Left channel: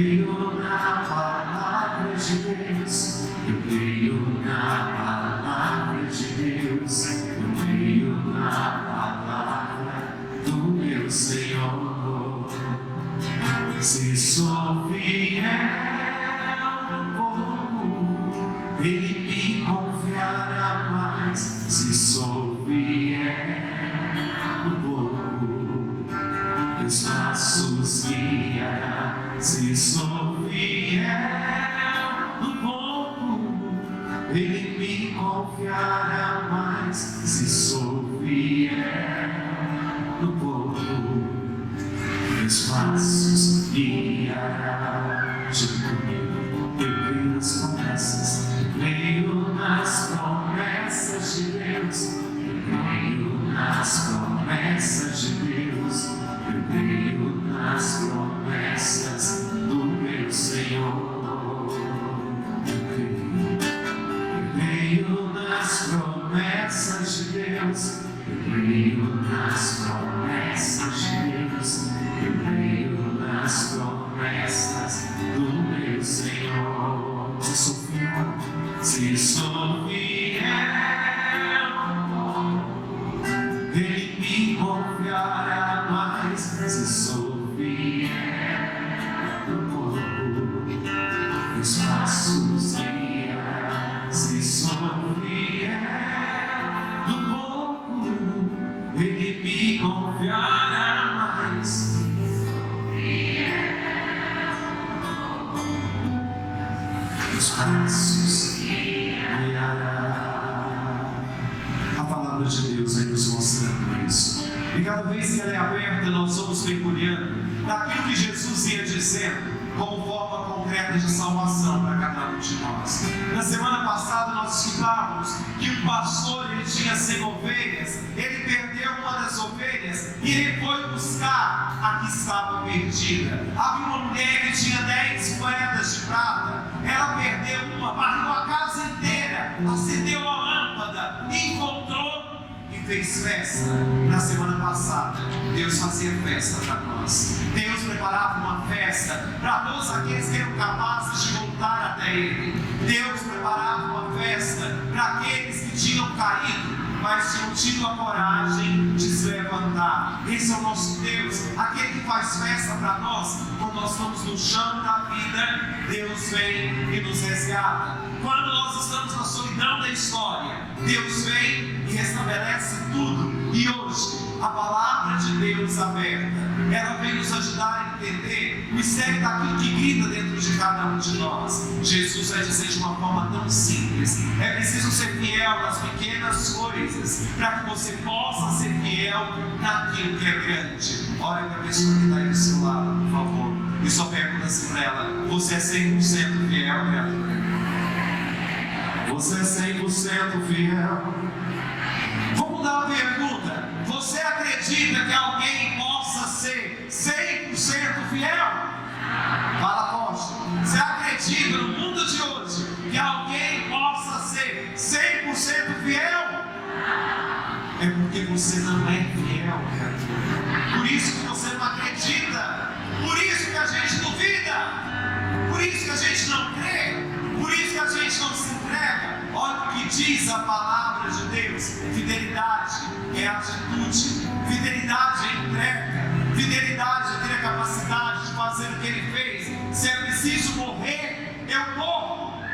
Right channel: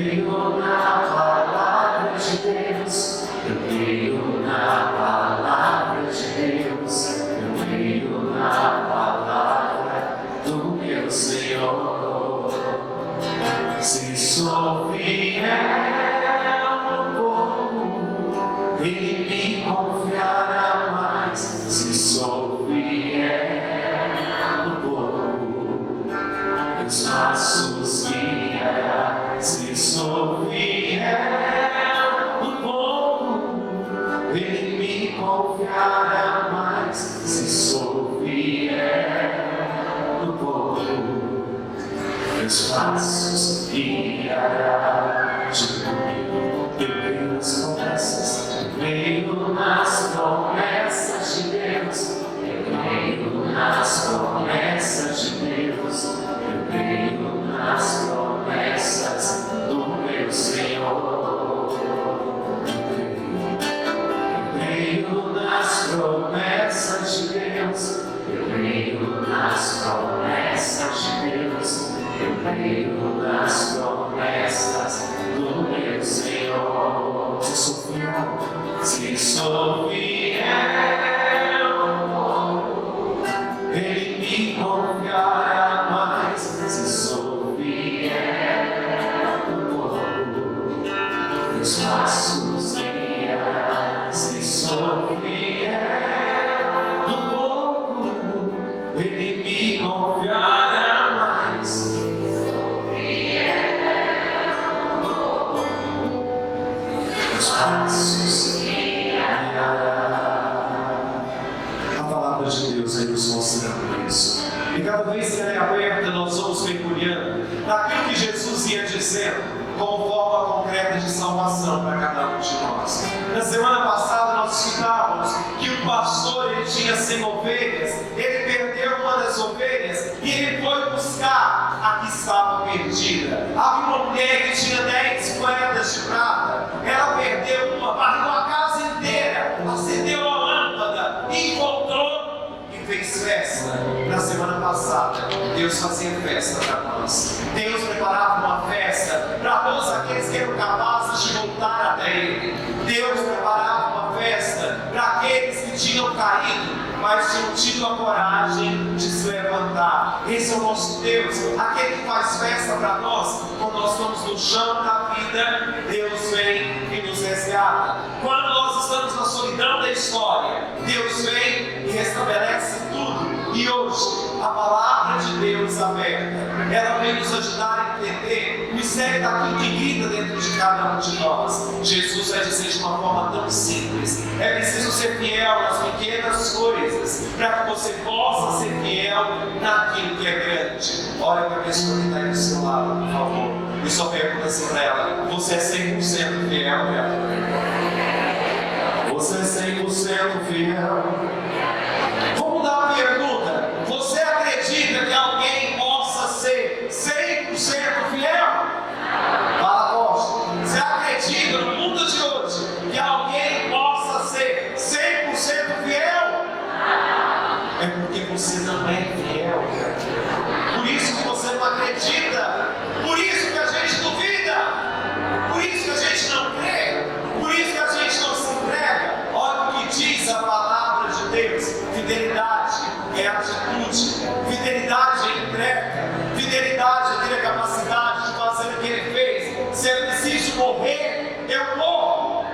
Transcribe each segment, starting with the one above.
creio na palavra de Deus, eu creio na palavra de Deus, eu creio na palavra do meu Senhor. Se sou fiel no pouco, Ele me confiará mais. Se sou fiel no pouco, meus passos guiará. Se sou fiel no pouco, Ele me confiará mais. Se sou fiel no pouco, meus passos guiará. Junto comigo, eu creio nas promessas, eu creio nas promessas de Deus, eu creio nas promessas de Deus, eu creio nas promessas do meu Senhor. Eu creio nas promessas de Deus, eu creio nas promessas de Deus, eu creio nas promessas do meu Senhor. Se sou fiel, se sou fiel, Ele me confiará mais. Se sou fiel no pouco, meus passos guiará. Se sou fiel no pouco, Ele me confiará mais. Meus passos guiará. A palavra de Deus aí nos mostrando isso. E cada vez que ela é aberta, nós vamos mergulhando naquilo que Jesus ia dizendo como forma concreta de salvação para cada um de nós. Na semana passada nós estudávamos que o pastor, ele tinha 100 ovelhas, ele perdeu uma das ovelhas e ele foi buscar a que estava perdida. Havia uma mulher que tinha 10 moedas de prata, ela perdeu uma, varreu a casa inteira, acendeu a lâmpada, encontrou e fez festa. Na semana passada, Deus fazia festa para nós. Deus preparava uma festa para todos aqueles que eram capazes de voltar até Ele. Deus preparava uma festa para aqueles que tinham caído, mas tinham tido a coragem de se levantar. Esse é o nosso Deus, aquele que faz festa para nós. Quando nós estamos no chão da vida, Deus vem e nos resgata. Quando nós estamos na solidão da história, Deus vem e restabelece tudo. E hoje, a palavra de Deus aberta, ela vem nos ajudar a entender o mistério daquilo que grita dentro de cada um de nós. Jesus vai dizer de uma forma tão simples: é preciso ser fiel nas pequenas coisas, para que você possa ser fiel naquilo que é grande. Olha para a pessoa que está aí do seu lado, por favor, e só pergunta assim para ela: você é 100% fiel, minha filha? Você é 100% fiel? Vamos dar uma pergunta: você acredita que alguém possa ser 100% fiel? Fala, apóstolo. Você acredita no mundo de hoje que alguém possa ser 100% fiel? É porque você não é fiel, cara. Por isso que você não acredita. Por isso que a gente duvida. Por isso que a gente não crê. Por isso que a gente não se entrega. Olha o que diz a palavra de Deus: fidelidade é atitude, fidelidade é entrega, fidelidade é ter a capacidade de fazer o que Ele fez. Se é preciso morrer, eu morro.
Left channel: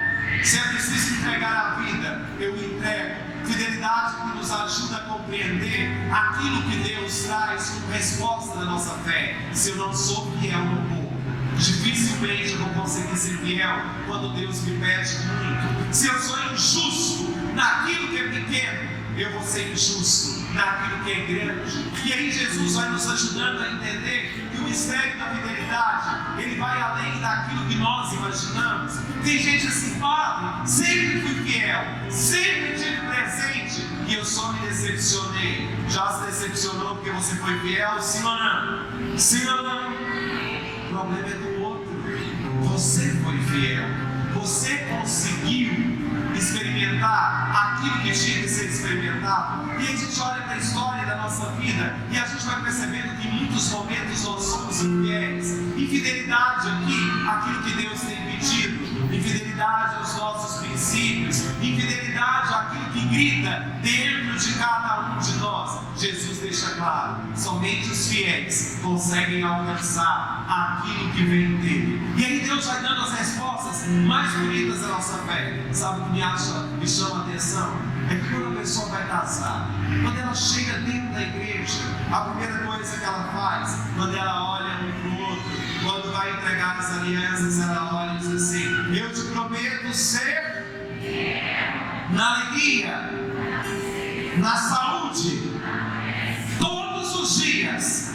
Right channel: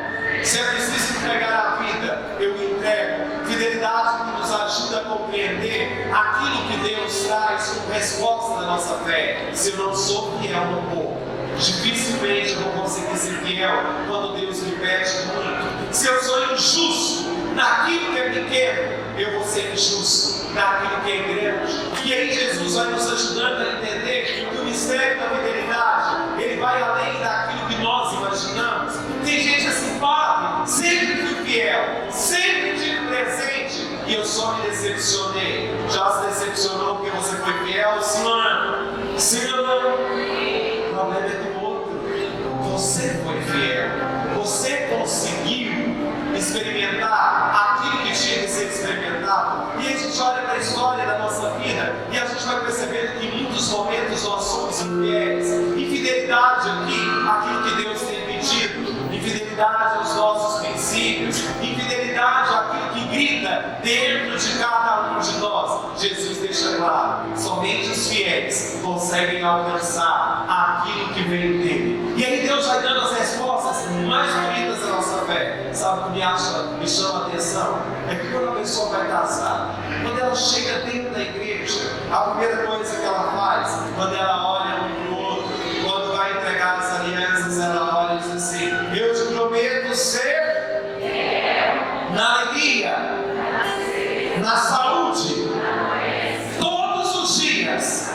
Se é preciso entregar a vida, eu entrego. Fidelidade que nos ajuda a compreender aquilo que Deus traz como resposta da nossa fé. Se eu não sou fiel no pouco, dificilmente eu vou conseguir ser fiel quando Deus me pede muito. Se eu sou injusto naquilo que é pequeno, eu vou ser injusto naquilo que é grande. E aí Jesus vai nos ajudando a entender que o mistério da fidelidade, ele vai além daquilo que nós imaginamos. Tem gente assim: Padre, sempre fui fiel, sempre tive presente, e eu só me decepcionei. Já se decepcionou porque você foi fiel? Sim ou não? Sim ou não? O problema é do outro. Você foi fiel, você conseguiu experimentar aquilo que tinha que ser experimentado. E a gente olha para a história da nossa vida e a gente vai percebendo que em muitos momentos nós somos infiéis. Infidelidade aqui claro, somente os fiéis conseguem alcançar aquilo que vem dele. E aí Deus vai dando as respostas mais bonitas da nossa fé. Sabe o que me chama a atenção? É que quando a pessoa vai casar, quando ela chega dentro da igreja, a primeira coisa que ela faz, quando ela olha um para o outro, quando vai entregar as alianças, ela olha e diz assim: eu te prometo ser na alegria, na saúde, todos os dias.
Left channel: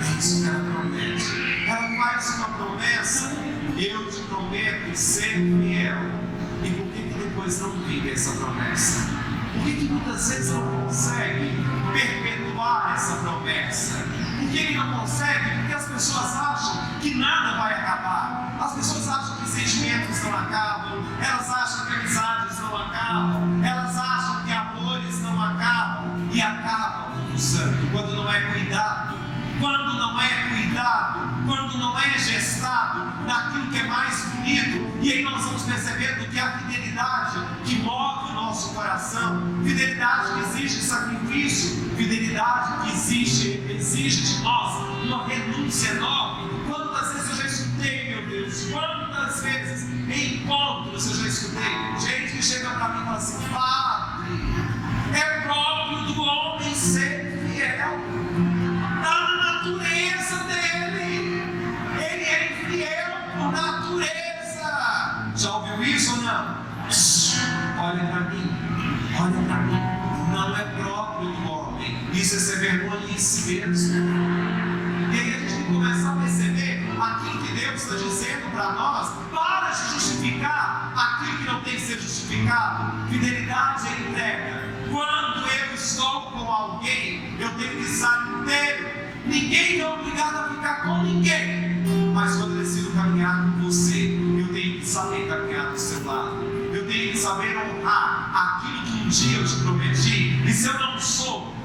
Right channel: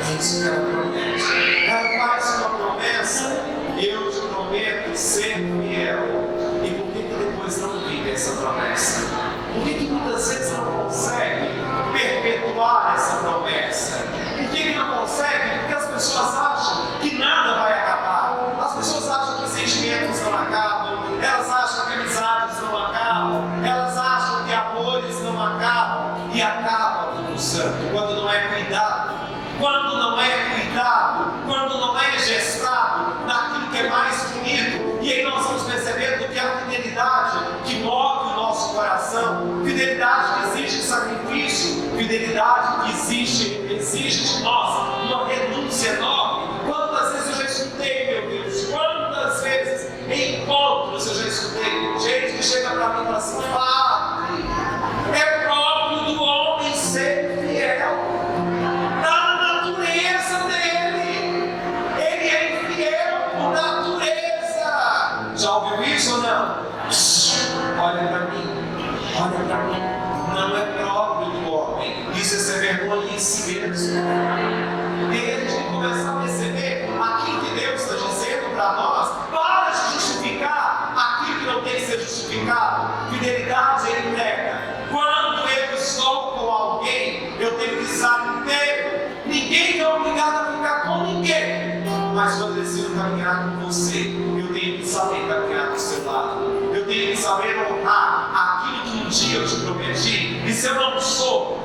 É isso que ela promete. Ela faz uma promessa: eu te prometo ser fiel. E por que depois não vive essa promessa? Por que muitas vezes não consegue perpetuar essa promessa? Por que não consegue? Porque as pessoas acham que nada vai acabar. As pessoas acham que sentimentos não acabam. Elas acham que amizades não acabam. Elas acham que amores não acabam. E acaba tudo santo quando não é cuidado. Quando não é cuidado, quando não é gestado naquilo que é mais bonito. E aí nós vamos percebendo que a fidelidade que move o nosso coração, fidelidade que exige sacrifício, fidelidade que exige de nós uma renúncia enorme. Quantas vezes eu já escutei, meu Deus, quantas vezes em encontros eu já escutei gente que chega para mim e fala assim: Padre, é próprio do homem ser fiel. Já ouviu isso ou não? Olha para mim, olha para mim. Não é próprio do homem. Isso é ser vergonha em si mesmo. E aí a gente tem que começar a perceber aquilo que Deus está dizendo para nós. Para de justificar aquilo que não tem que ser justificado. Fidelidade é entrega. Quando eu estou com alguém, eu tenho que estar inteiro. Ninguém é obrigado a ficar com ninguém. Mas quando eu decido caminhar com você, eu tenho que saber caminhar do seu lado. Eu tenho que saber honrar aquilo que um dia eu te prometi. E se eu não sou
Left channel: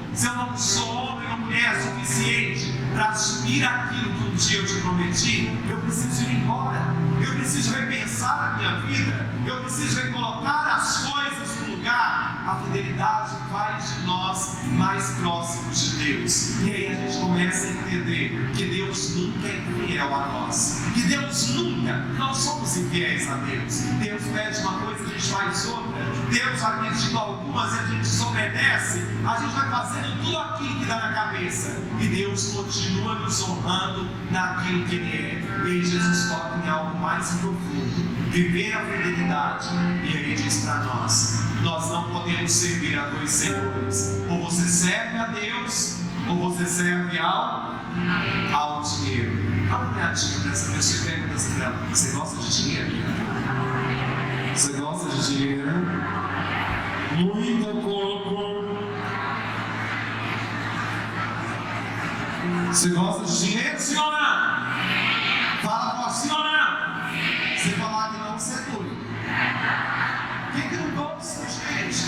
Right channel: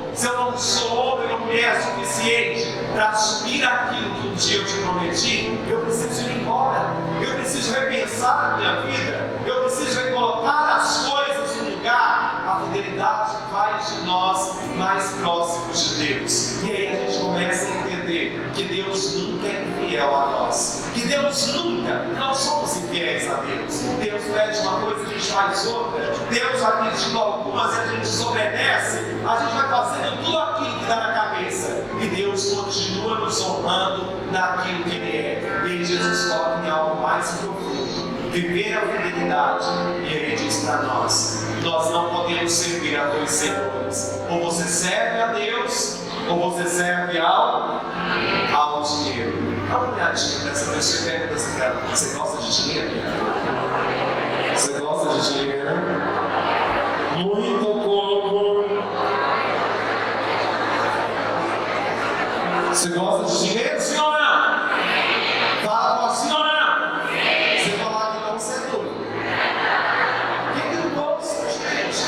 homem ou mulher suficiente para assumir aquilo que um dia eu te prometi, eu preciso ir embora. Eu preciso repensar a minha vida. Eu preciso recolocar as coisas no lugar. A fidelidade faz de nós mais próximos de Deus. E aí a gente começa a entender que Deus nunca é infiel a nós. Que Deus nunca, nós somos infiéis a Deus. Deus pede uma coisa e a gente faz outra. Deus vai pedindo algumas e a gente desobedece. A gente vai fazendo tudo aquilo que dá na cabeça. E Deus continua nos honrando naquilo que Ele é. E aí Jesus toca em algo mais profundo. Viver a fidelidade. E Ele diz para nós: nós não podemos servir a dois senhores. Ou você serve a Deus, ou você serve ao dinheiro. Dá uma olhadinha nessa pessoa e pergunta assim para ela: você gosta de dinheiro? Você gosta de dinheiro? Muito pouco. Você gosta de dinheiro, sim ou não? Fala para sim ou não? Você falar que não, você é doido. Quem que não gosta, gente?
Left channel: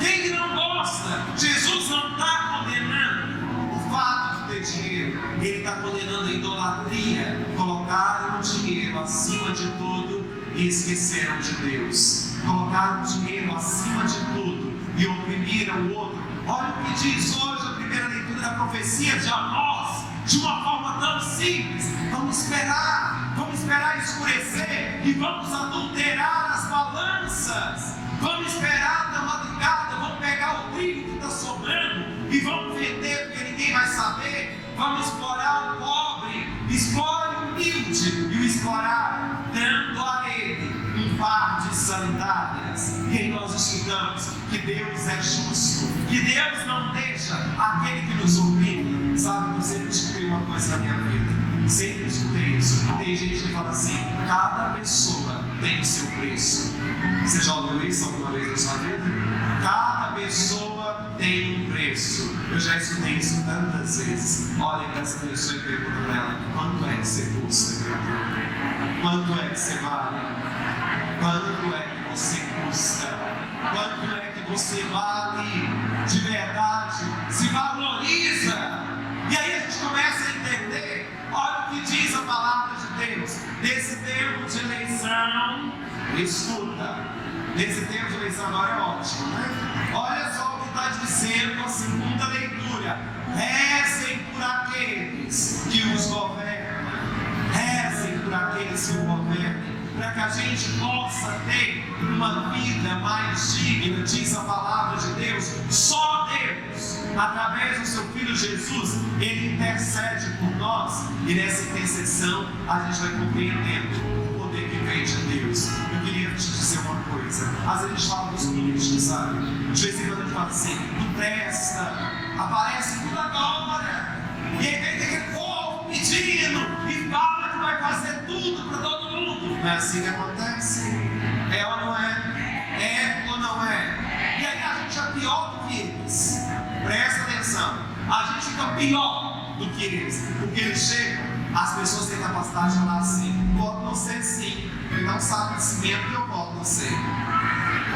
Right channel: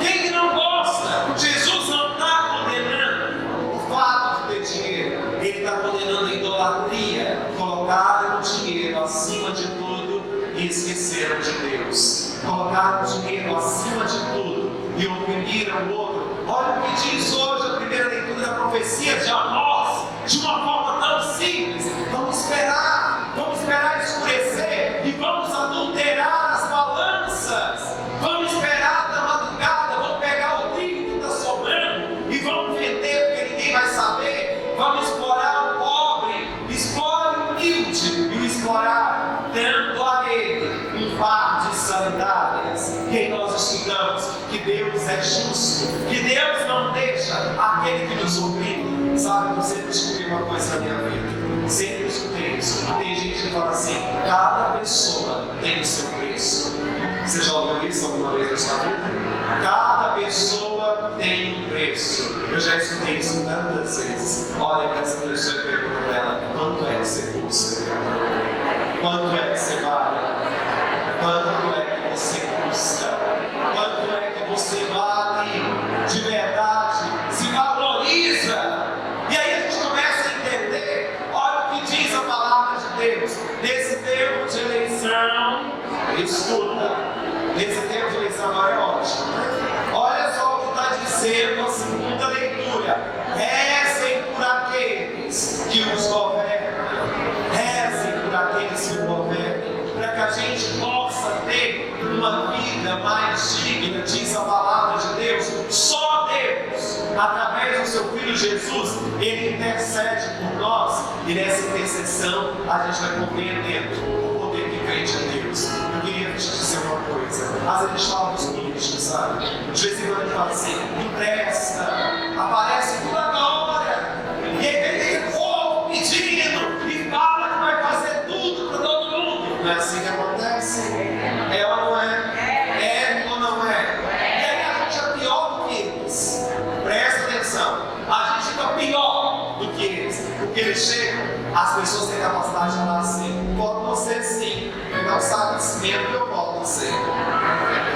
Quem que não gosta? Jesus não está condenando o fato de ter dinheiro. Ele está condenando a idolatria. Colocaram o dinheiro acima de tudo e esqueceram de Deus. Colocaram o dinheiro acima de tudo e oprimiram o outro. Olha o que diz hoje a primeira leitura da profecia de Amós, de uma forma tão simples. Vamos esperar escurecer e vamos adulterar as balanças. Vamos esperar da madrugada, vamos pegar o trigo que está sobrando e vamos vender porque ninguém vai saber. Vamos explorar o pobre, explore o humilde e o explorar, dando a ele um par de sandálias. E aí nós estudamos que Deus é justo, que Deus não deixa aquele que nos oprime. Sabe, eu sempre descobri uma coisa na minha vida, sempre escutei isso. Tem gente que fala assim: cada pessoa tem o seu preço. Você já ouviu isso alguma vez na sua vida? Cada pessoa tem um preço. Eu já escutei isso tantas vezes. Olha para essa pessoa e pergunta para ela: quanto é que você custa? Quanto é que você vale? Quanto é que você custa? Quanto é que você vale de verdade? Se valoriza. E aí a gente começa a entender. Olha o que diz a palavra de Deus. Nesse tempo de eleição, escuta. Nesse tempo de eleição agora é ótimo, né? Olha só o que está dizendo. dizendo a segunda leitura: rezem por aqueles que os governam, rezem por aqueles que o governam, para que a gente possa ter uma vida mais digna. Diz a palavra de Deus: só Deus, através do seu Filho Jesus, Ele intercede por nós, e nessa intercessão a gente vai compreendendo o poder que vem de Deus. Eu queria te dizer uma coisa: às vezes a gente fala dos políticos, sabe? De vez em quando a gente fala assim: empresta, aparece toda hora, e aí tem que povo pedindo, e fala que vai fazer tudo para todo mundo. Não é assim que acontece? É ou não é? É ou não é? E aí a gente é pior do que eles. Presta atenção, a gente fica pior do que eles, porque eles chegam, as pessoas têm capacidade de falar assim: voto no você sim, me dá um saco de cimento que eu voto em você,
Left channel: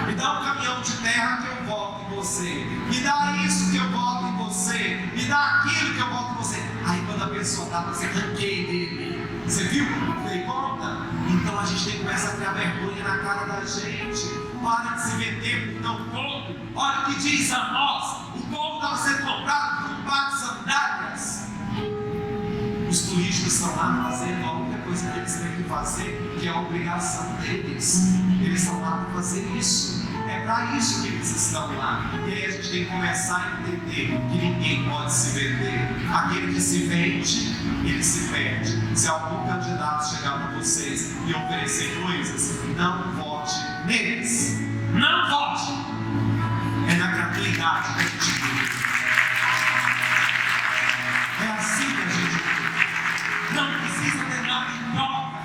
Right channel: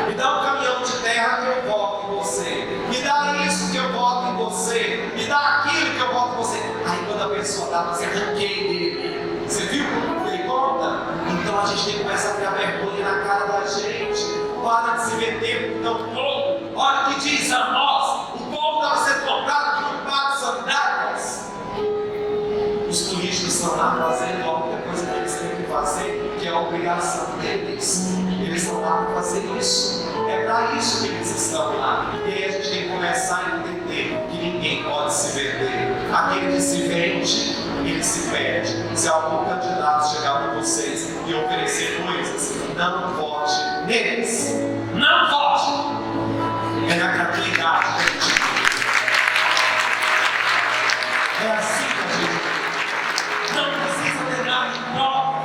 me dá um caminhão de terra que eu voto em você, me dá isso que eu voto em você, me dá aquilo que eu voto em você. Aí quando a pessoa dá, você ranqueia dele, você viu como ele conta? Então a gente tem que começar a criar vergonha na cara da gente. Para de se meter no povo. Olha o que diz a nós: o povo estava sendo comprado por um par de sandálias. Os políticos estão lá fazendo a única coisa que eles têm que fazer, que é a obrigação deles. Eles estão lá para fazer isso. É para isso que eles estão lá. E aí a gente tem que começar a entender que ninguém pode se vender. Aquele que se vende, ele se perde. Se algum candidato chegar para vocês e oferecer coisas, não vote neles. Não vote. É na gratuidade que a gente vive. É assim que a gente vive. Não precisa ter nada em troca.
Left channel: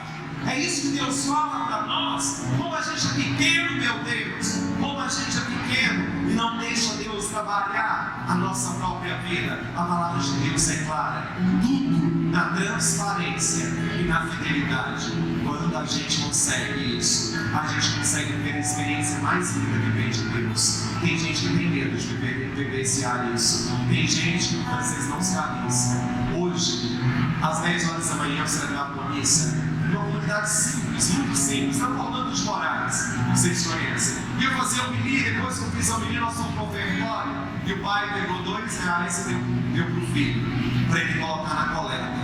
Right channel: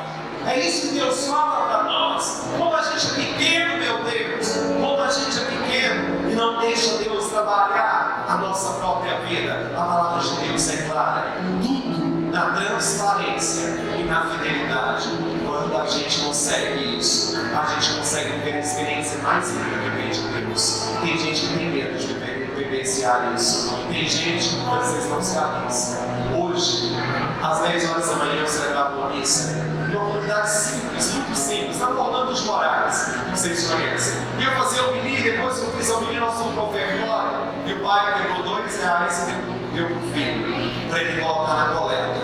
É isso que Deus fala para nós. Como a gente é pequeno, meu Deus. Como a gente é pequeno e não deixa Deus trabalhar a nossa própria vida. A palavra de Deus é clara. Tudo na transparência e na fidelidade. Quando a gente consegue isso, a gente consegue ter a experiência mais linda que vem de Deus. Tem gente que tem medo de vivenciar isso. Tem gente que às vezes não se arrisca. Hoje, às 10 horas da manhã, eu celebrava uma missa. Uma comunidade simples, muito simples, na Fernando dos Moraes, que vocês conhecem. E eu fazia o menino, depois que eu fiz o menino, nós fomos para o ofertório. E o pai pegou R$2 e deu para o filho, para ele colocar na coleta.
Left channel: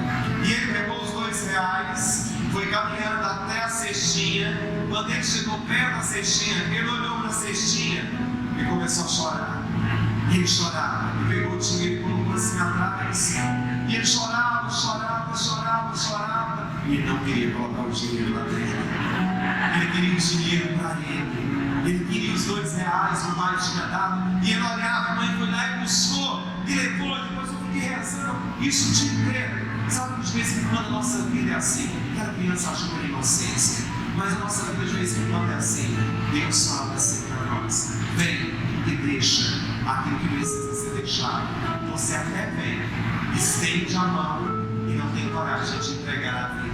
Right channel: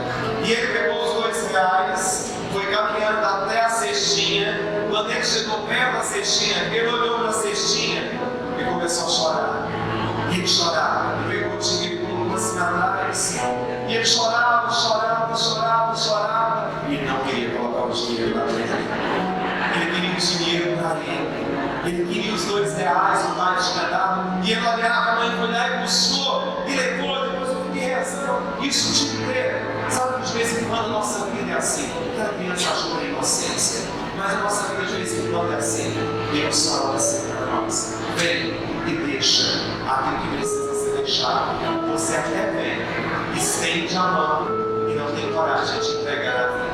E ele pegou os R$2, foi caminhando até a cestinha. Quando ele chegou perto da cestinha, ele olhou para a cestinha e começou a chorar. E ele chorava, e pegou o dinheiro e colocou assim atrás. E ele chorava, chorava, chorava, chorava. E ele não queria colocar o dinheiro lá dentro. Ele queria o dinheiro para ele. Ele queria os R$2 que o pai tinha dado. E ele olhava, a mãe foi lá e buscou. E levou, depois eu fiquei rezando isso o dia inteiro. Sabe que de vez em quando a nossa vida é assim. Cada criança ajuda a inocência. Mas a nossa vida de vez em quando é assim. Deus fala assim para nós: vem e deixa aquilo que precisa ser deixado. Você até vem, estende a mão e não tem coragem de entregar a vida.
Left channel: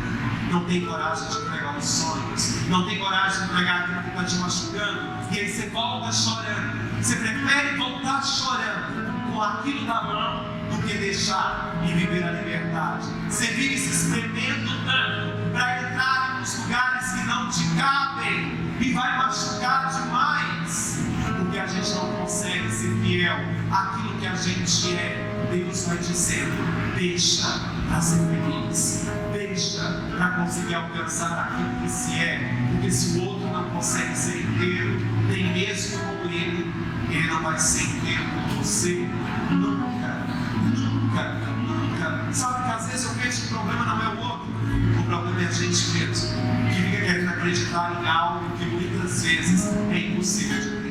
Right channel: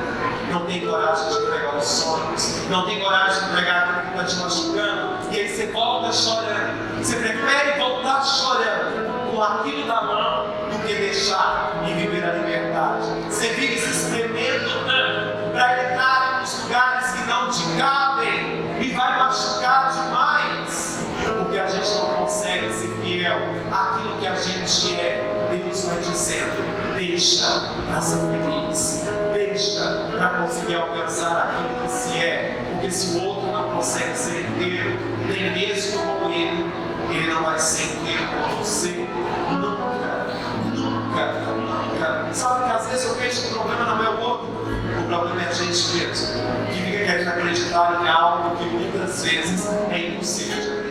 Não tem coragem de entregar os sonhos. Não tem coragem de entregar aquilo que está te machucando. E aí você volta chorando. Você prefere voltar chorando com aquilo na mão do que deixar e viver a liberdade. Você vive se espremendo tanto para entrar nos lugares que não te cabem e vai machucar demais. Porque a gente não consegue ser fiel àquilo que a gente é. Deus vai dizendo: deixa para ser feliz, deixa para conseguir alcançar aquilo que se é. Porque se o outro não consegue ser inteiro, nem mesmo como ele não vai ser inteiro com você. Nunca, nunca, nunca. Sabe que às vezes eu vejo que o problema não é o outro, o problema é a gente mesmo, que fica querendo acreditar em algo que muitas vezes é impossível de acreditar.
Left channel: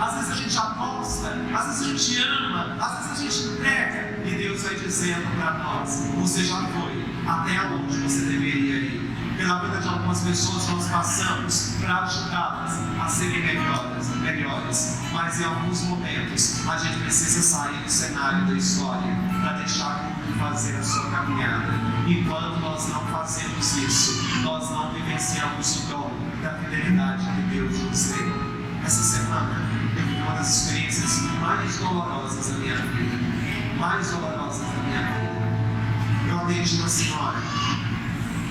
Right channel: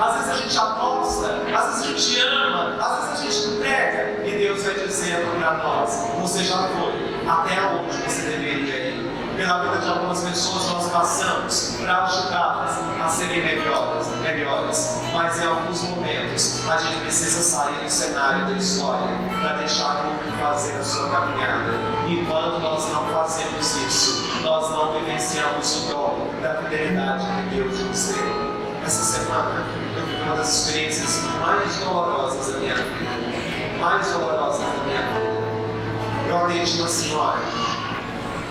Às vezes a gente aposta, às vezes a gente ama, às vezes a gente entrega, e Deus vai dizendo para nós: você já foi até onde você deveria ir. Pela vida de algumas pessoas nós passamos para ajudá-las a serem melhores, mas em alguns momentos a gente precisa sair do cenário da história para deixar o outro fazer a sua caminhada. Enquanto nós não fazemos isso, nós não vivenciamos o dom da fidelidade que Deus nos deu. Essa semana eu vivi uma das experiências mais dolorosas da minha vida. Mais dolorosas da minha vida. Eu atendi uma senhora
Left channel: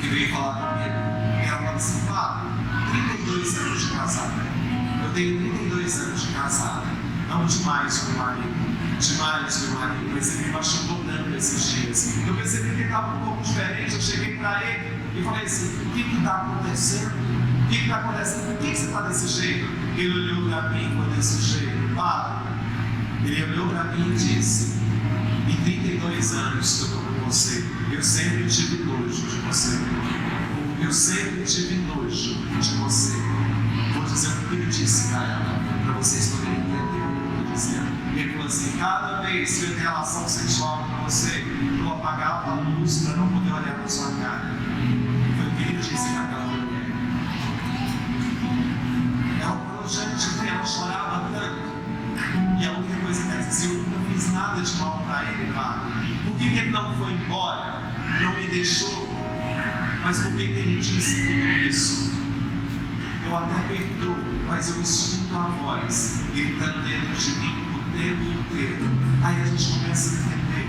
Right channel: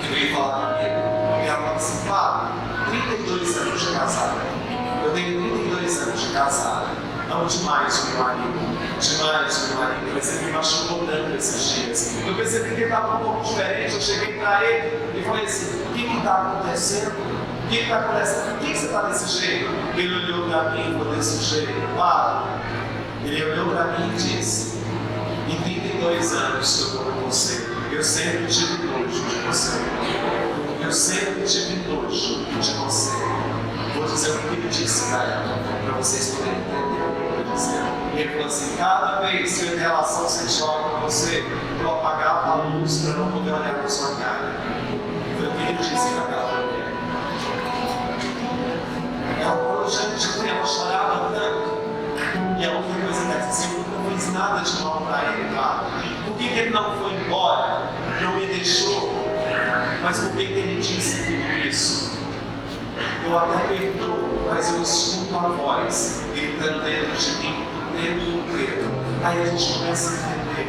que veio falar comigo. E ela falou assim: Fábio, 32 anos de casada. Eu tenho 32 anos de casada. Amo demais o meu marido. Demais o meu marido. Mas ele me machucou tanto esses dias. Eu percebi que ele estava um pouco diferente. Eu cheguei para ele e falei assim: o que está acontecendo? O que está acontecendo? Por que você está desse jeito? Ele olhou para mim e falou desse jeito. Para. Ele olhou para mim e disse: em 32 anos que eu estou com você, eu sempre tive nojo de você. Eu sempre tive nojo de você. Vou dizer o que ele disse para ela, para vocês poderem entender o que eu estou dizendo. Ele falou assim: cada vez que eu tenho relação sexual com você, eu vou apagar a luz para não poder olhar na sua cara. Foi o que ele disse para aquela mulher. Ela falou: gente, ela chorava tanto. E a única coisa que ela disse: eu nunca fiz nada de mal para ele, tá? Por que ele não foi embora? Não me deixou? Mas por que ele disse tudo isso? Eu até perdoo, mas eu escuto a voz gritando dentro de mim o tempo inteiro. Aí a gente começa a entender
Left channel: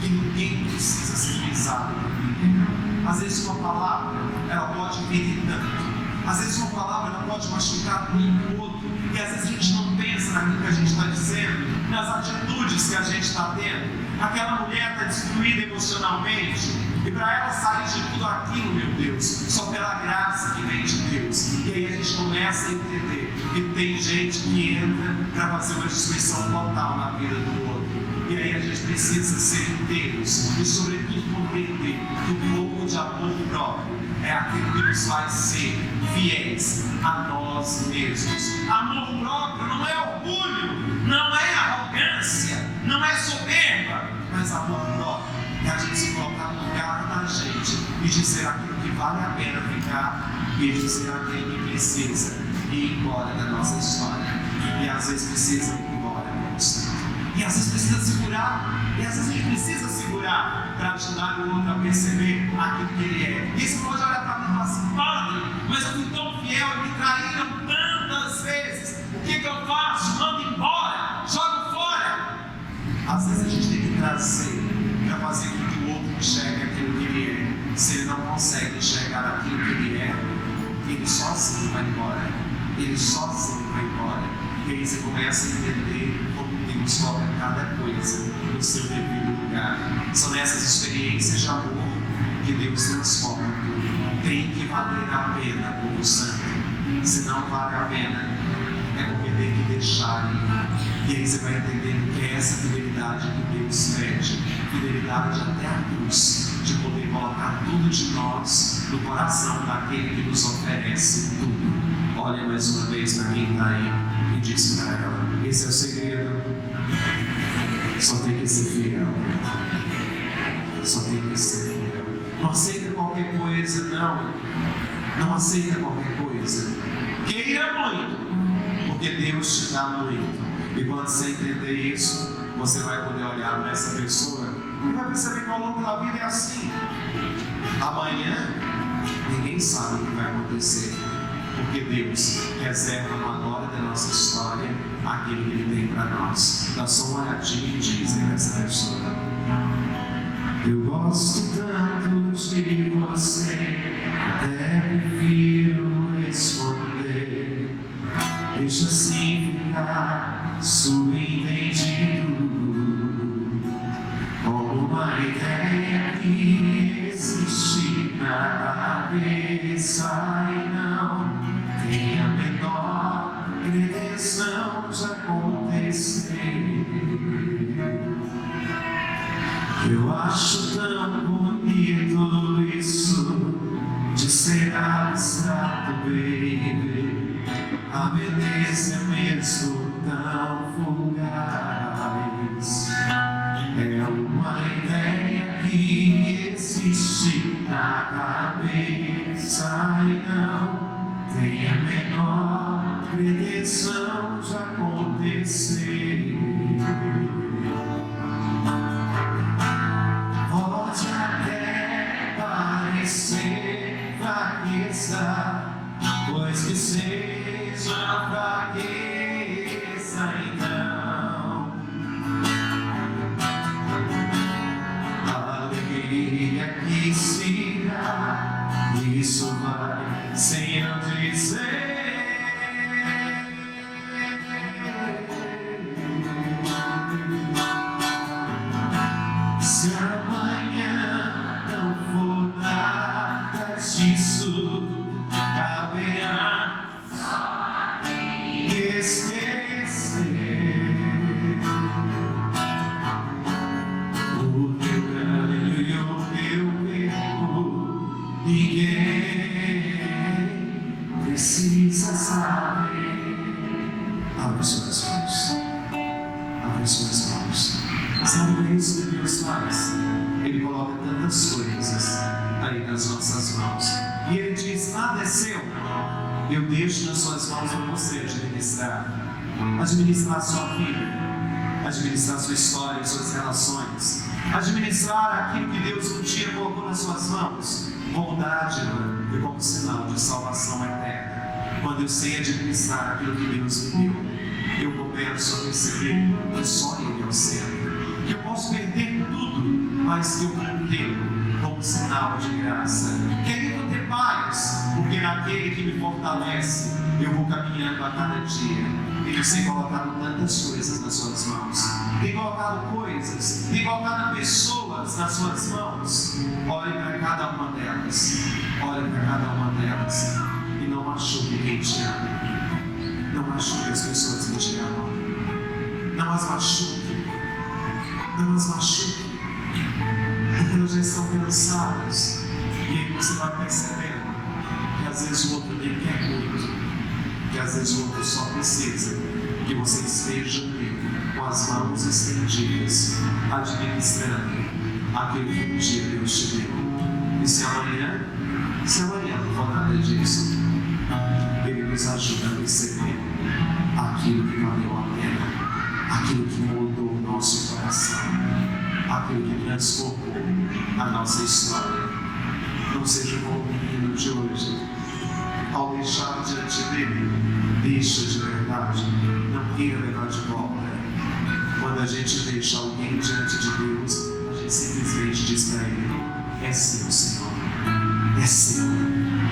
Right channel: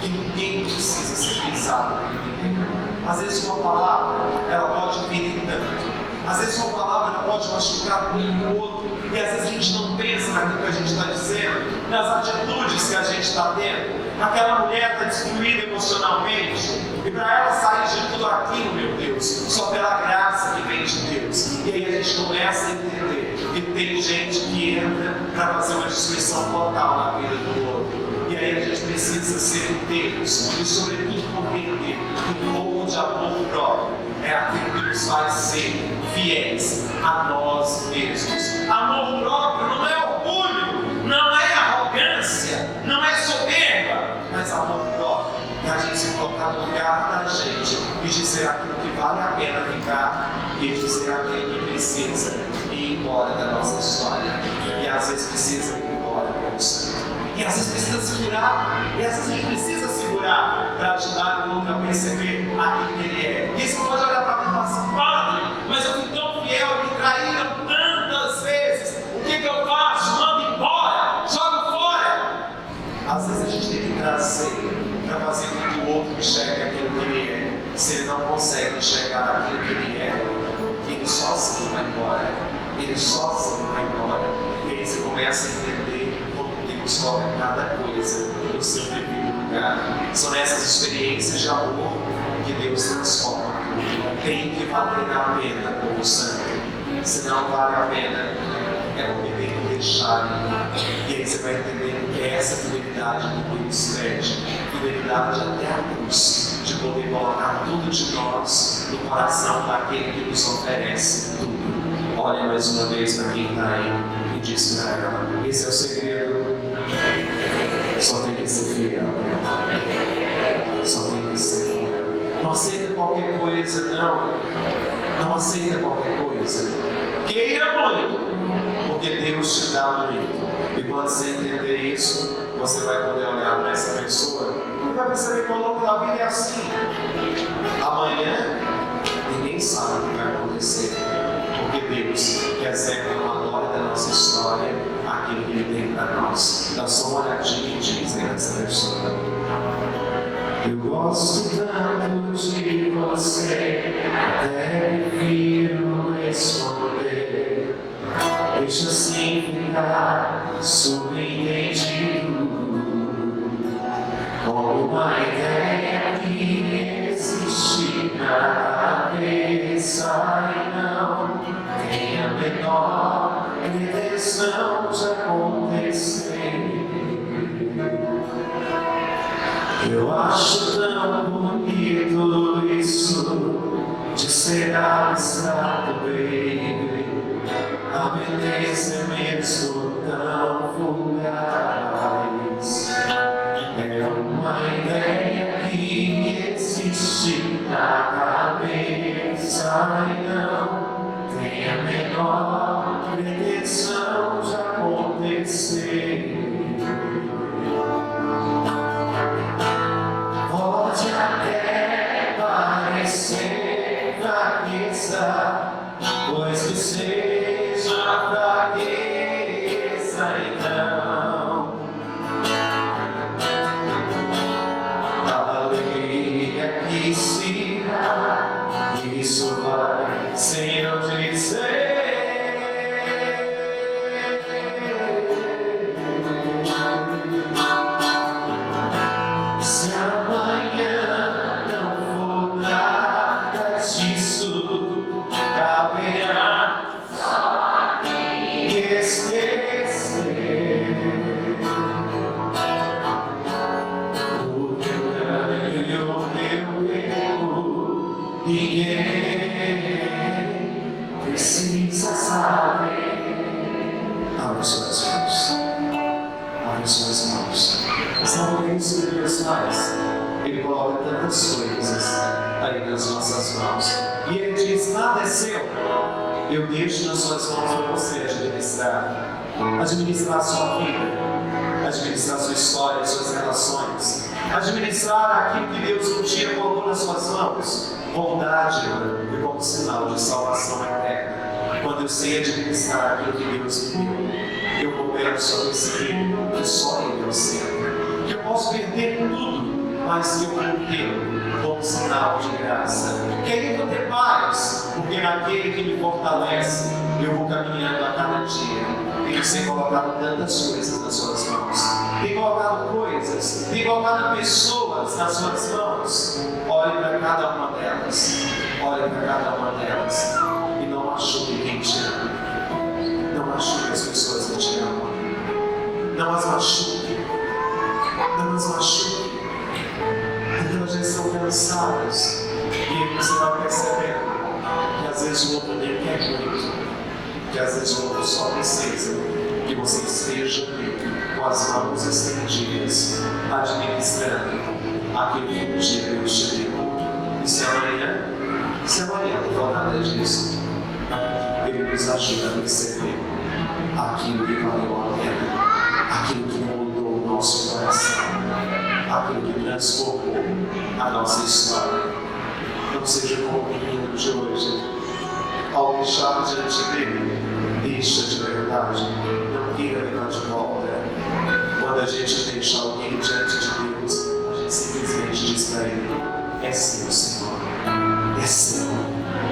que ninguém precisa ser pisado por ninguém. Às vezes uma palavra, ela pode ferir tanto. Às vezes uma palavra, ela pode machucar um outro. E às vezes a gente não pensa naquilo que a gente está dizendo, nas atitudes que a gente está tendo. Aquela mulher está destruída emocionalmente, e para ela sair de tudo aquilo, meu Deus, só pela graça que vem de Deus. E aí a gente começa a entender que tem gente que entra para fazer uma destruição total na vida do outro. E aí a gente precisa ser inteiros e, sobretudo, compreender que o pouco de amor próprio é aquilo que nos faz ser fiéis a nós mesmos. Amor próprio não é orgulho, não é arrogância, não é soberba, mas amor próprio é a gente se colocar no lugar da gente e dizer aquilo que vale a pena ficar e dizer aquilo que precisa ir embora da nossa história. E às vezes precisa ir embora, moça. E às vezes precisa segurar, e às vezes a gente precisa segurar para ajudar o outro a perceber aquilo que ele é. E você pode olhar para mim e falar assim: padre, mas eu fui tão fiel, me traíram tantas vezes, o que eu faço? Mando embora, jogo fora. Às vezes a gente tem que trazer para fazer com que o outro enxergue aquilo que ele é. Se ele não consegue enxergar aquilo que ele é, ele sozinho vai embora. Ele sozinho vai embora. E aí você começa a entender como Deus coloca cada coisa no seu devido lugar. São nessas experiências de amor que Deus transforma. Tem que valer a pena, povo santo. Se não vale a pena, é porque tem que deixar ir. E aí você vai entender que é essa fidelidade que Deus pede. Fidelidade até a cruz, de poder colocar tudo de nós no coração daquele que nos oferece tudo. Olha mais uma vez para quem está aí e diz para ela: esse é o segredo. Só tem que ser fiel. Só tem que ser fiel. Não aceita qualquer coisa, não. Não aceita qualquer coisa. Queira muito, porque Deus te dá muito. E quando você entender isso, você vai poder olhar para essa pessoa e vai perceber que ao longo da vida é assim. Amanhã, ninguém sabe o que vai acontecer. Porque Deus reserva uma glória da nossa história aquilo que Ele tem para nós. Dá só uma olhadinha e diz nessa pessoa: eu gosto tanto de você, até prefiro esconder. Deixa assim ficar subentendido, como uma ideia que existe na cabeça e não tem a menor pretensão de acontecer. Eu acho tão bonito isso de ser abstrato, baby. A beleza é mesmo tão fugaz. É uma ideia que existe na cabeça e não tem a menor pretensão de acontecer. Pode até parecer fraqueza, pois que seja fraqueza, então a alegria que se dá, isso vai sem eu dizer. disso caberá esquecer o teu ganho e o teu erro. Ninguém precisa saber. Abre suas mãos. Abre suas mãos. Sabe o que isso que Deus faz? Ele coloca tantas coisas aí nas nossas mãos. E Ele diz: nada é seu. Eu deixo nas suas mãos para você administrar. Administrar a sua vida. Administrar a sua história, as suas relações. Administrar aquilo que Deus um dia colocou nas suas mãos. Bondade e como sinal de salvação eterna. Quando eu sei administrar aquilo que Deus me deu, eu começo a perceber que só Ele é o centro. Que eu posso perder tudo, mas que eu mantenho como sinal de graça. Que aí eu tenho paz, porque naquele que me fortalece, eu vou caminhando a cada dia. Ele tem colocado tantas coisas nas suas mãos. Tem colocado coisas, tem colocado pessoas nas suas mãos. Olhe para cada uma delas. Olhe para cada uma delas. E não machuque quem te ama. Não machuque as pessoas que te amam. Não as machuque. Não as machuque. Porque elas já estão cansadas. E aí você vai percebendo que às vezes o outro nem quer muito. Que às vezes o outro só precisa que você esteja com as mãos estendidas, administrando aquilo que um dia Deus te deu. E se amanhã não for nada disso, Ele nos ajuda a perceber aquilo que valeu a pena, aquilo que mudou o nosso coração, aquilo que transformou a nossa história. Não seja como o menino de hoje. Ao deixar diante dele, deixa de verdade, não queira levar de volta. Quando a gente deixa alguém diante de Deus, a gente simplesmente diz para ele: é seu, Senhor, é seu.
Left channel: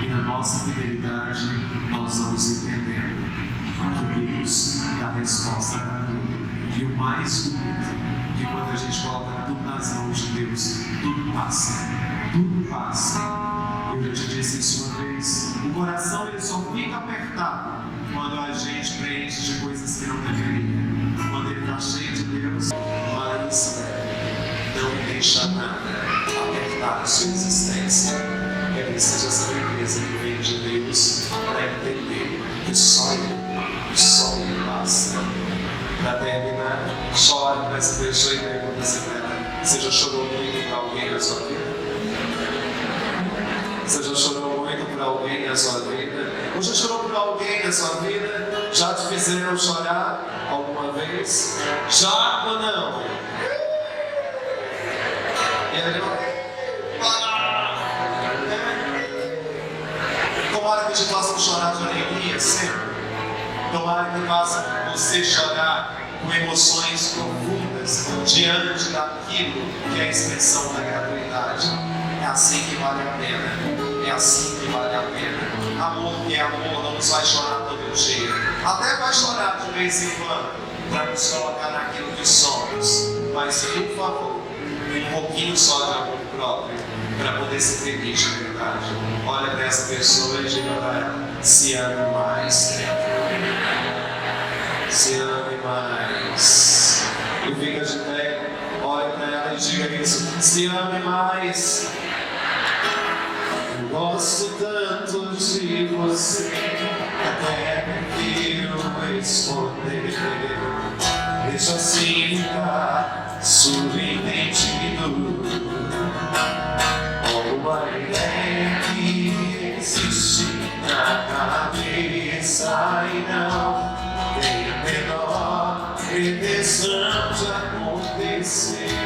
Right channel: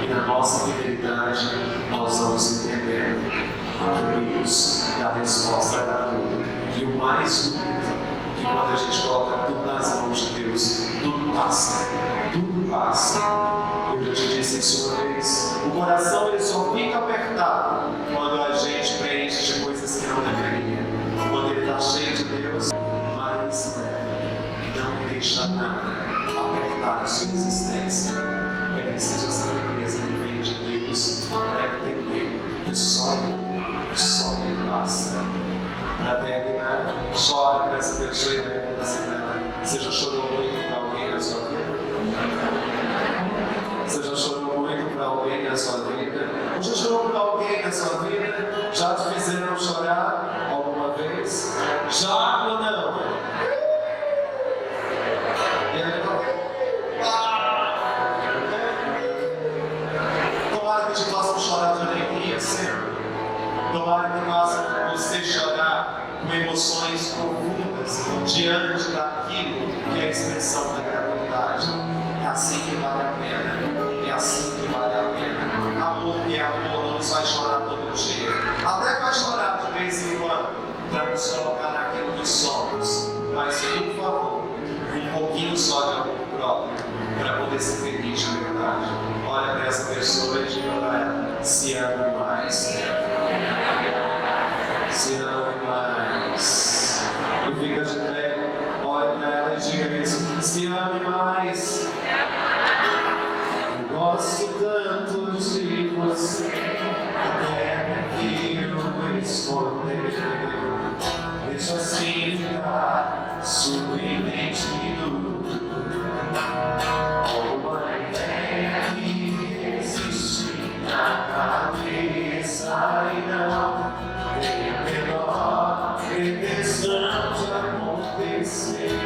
E na nossa fidelidade, nós vamos entender que Deus dá a resposta para tudo. E o mais bonito, que quando a gente coloca tudo nas mãos de Deus, tudo passa, tudo passa. Eu já te disse isso uma vez, o coração ele só fica apertado quando a gente preenche de coisas que não deveria. Quando ele está cheio de Deus, mas não deixa nada apertar a sua existência. Que seja essa beleza que vem de Deus para entender que só Ele basta. Para terminar, chore para essa pessoa e pergunta se você já chorou muito para alguém na sua vida? Você já chorou muito para alguém na sua vida? Ou já chorou por alguém na sua vida? Já te fizeram chorar alguma vez? Já ou não? E ele tomara que te façam chorar de alegria sempre. Tomara que faça você chorar com emoções profundas diante daquilo que é a expressão da gratuidade. É assim que vale a pena. É assim que vale a pena. Amor que é amor não nos vai chorar todo dia. Até vai chorar de vez em quando para nos colocar naquilo que somos. Mas, por favor, um pouquinho só de amor próprio para poder ser feliz de verdade. Olha para essa pessoa e diga para ela: se ame mais. Se ame mais. E fica de pé, olha para ela e diga isso: se ame mais. Eu gosto tanto de você, até prefiro esconder. Deixa assim ficar subentendido. Uma ideia que existe na cabeça e não tem a menor pretensão de acontecer.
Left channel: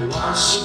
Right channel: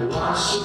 Eu acho